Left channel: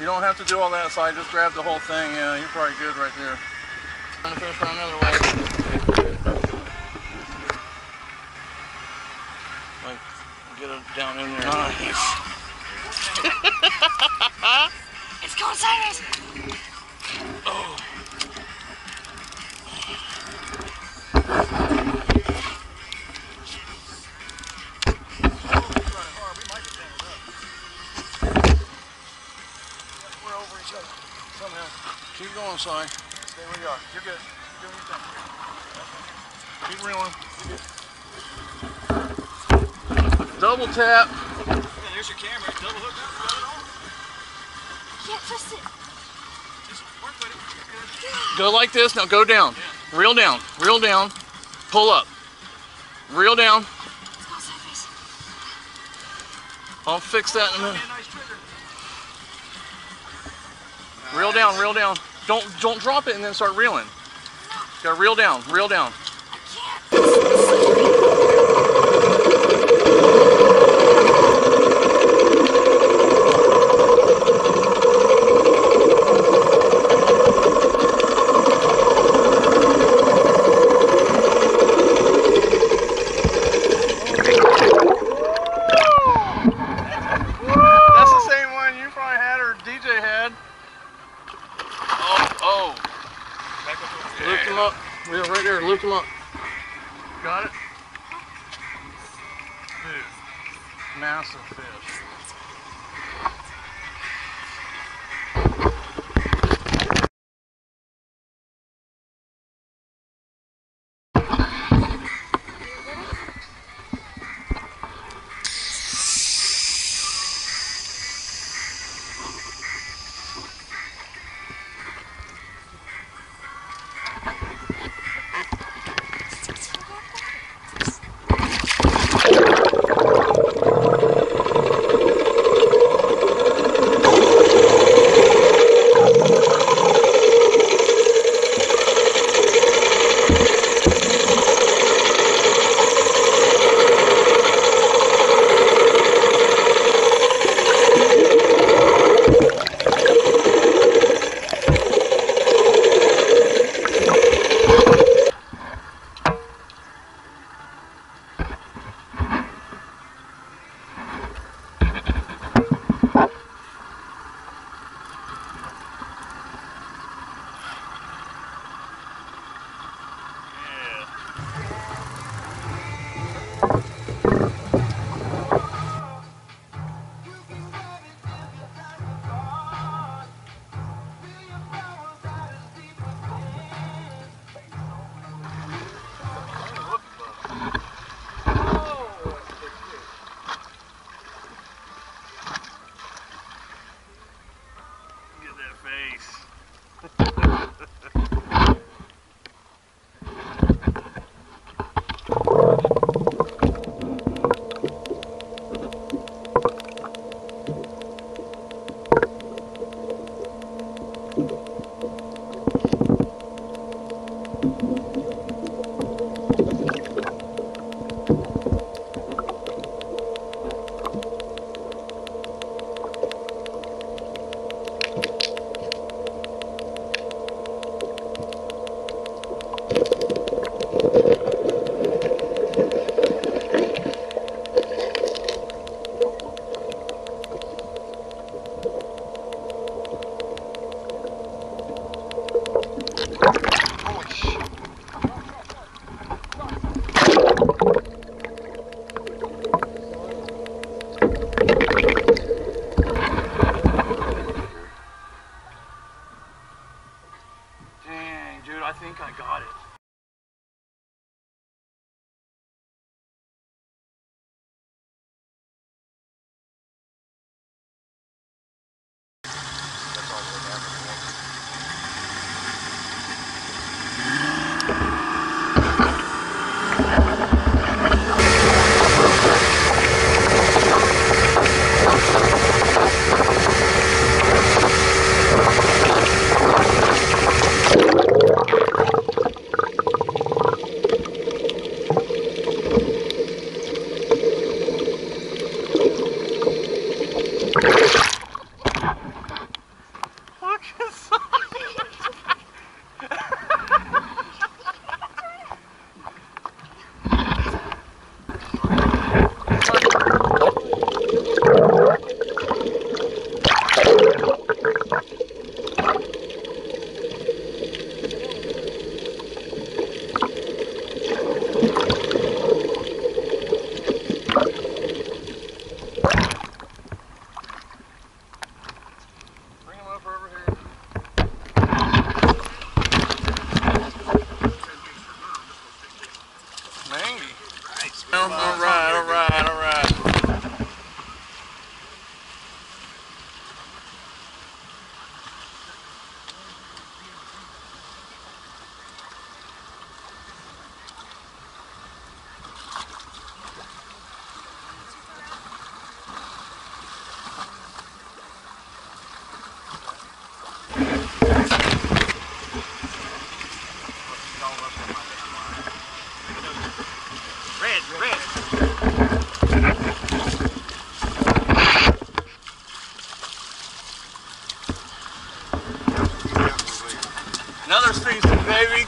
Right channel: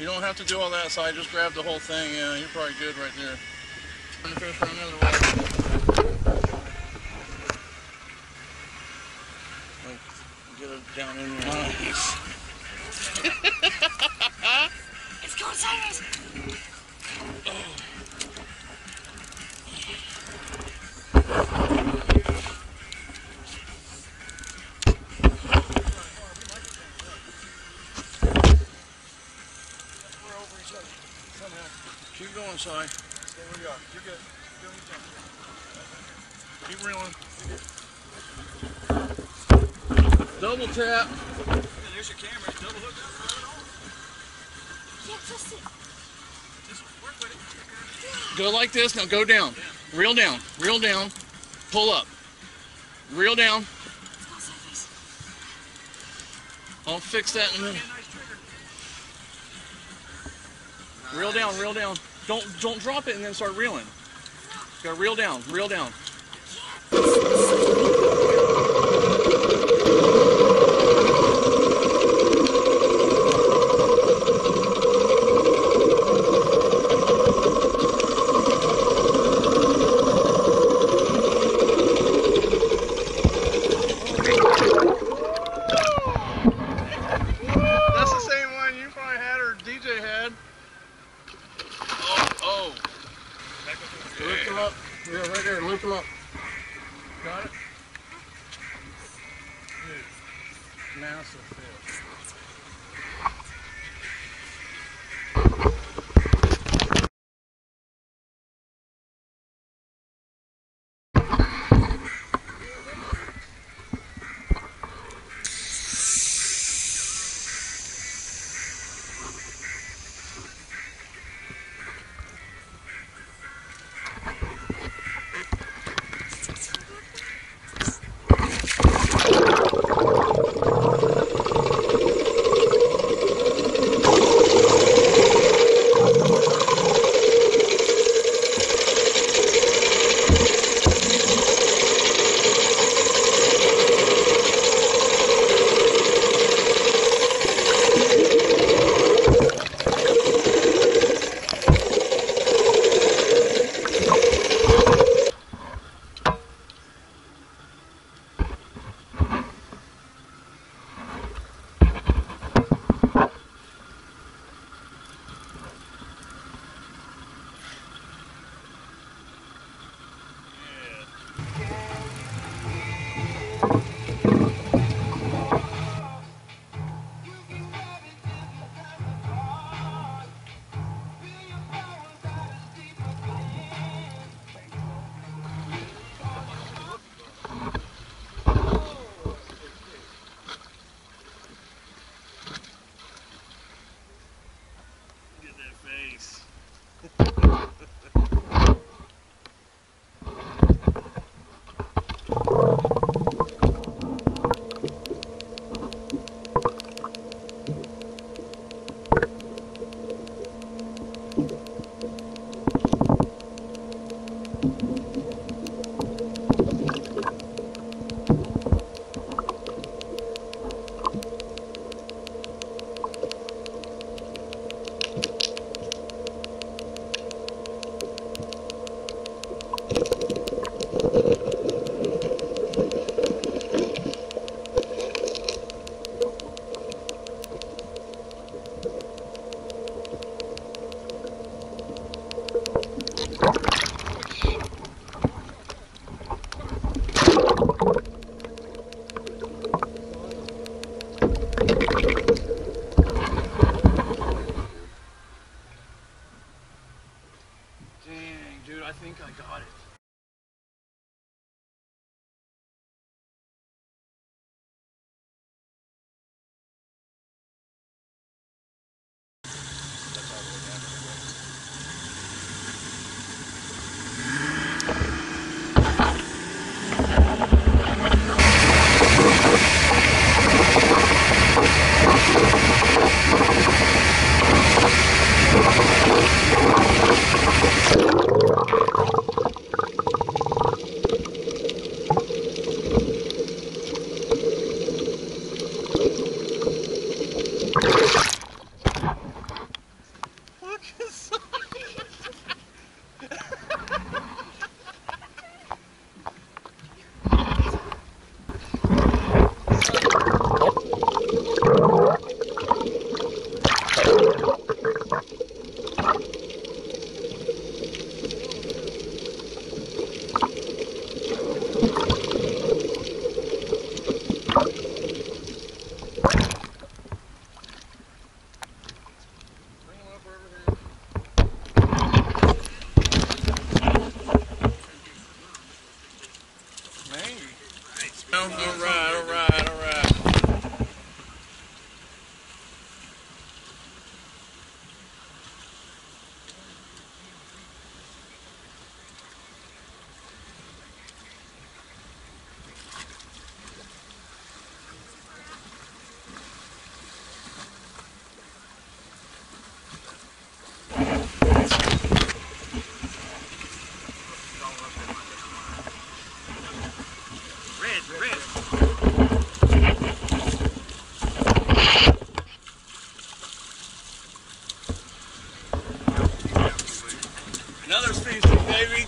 You don't have to do all that side, just grab the whole thing. Yeah, you're probably good right there. I'm gonna fish another way. Like, get it down in there. Nice. It's going sideways. Oh. We're over each other. Somehow. Keep going, Si. Stay where you are. You're good. You're doing your thing. Keep reeling. You're good. Double tap. And there's your camera. Double hook up. Got it on. Yeah, twist it. Just work with it. Go like this. Now go down. Yeah. Reel down. Reel down. Pull up. Reel down. Let's go sideways. I'll fix that in a minute. Nice trigger. Reel down. Reel down. Don't drop it and then start reeling. Gotta reel down. Reel down. Loop them up. Yeah, right there. Loop them up. Got it? Dude, massive fish.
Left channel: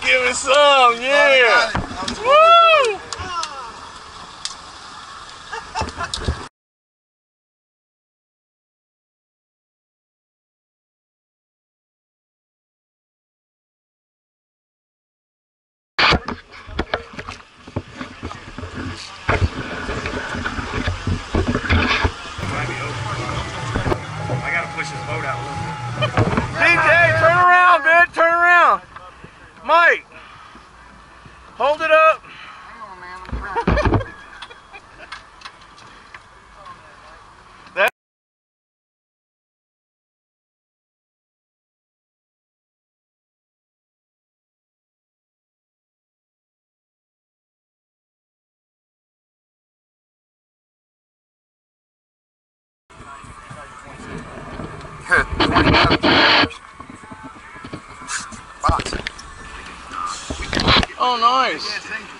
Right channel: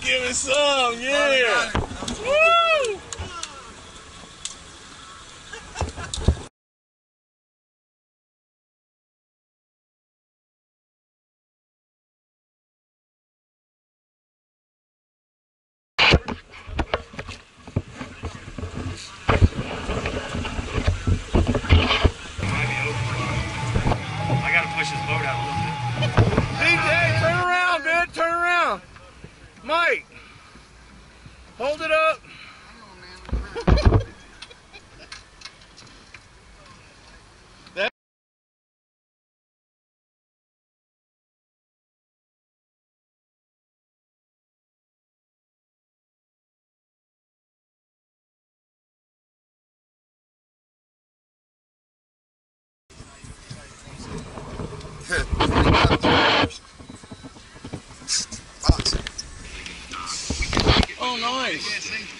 Give me some, yeah. Woo! I gotta push his boat out a little bit. DJ, turn around, man, turn around. Mike, hold it up. Hang on, man. I'm trying. Oh, nice. Yeah, see?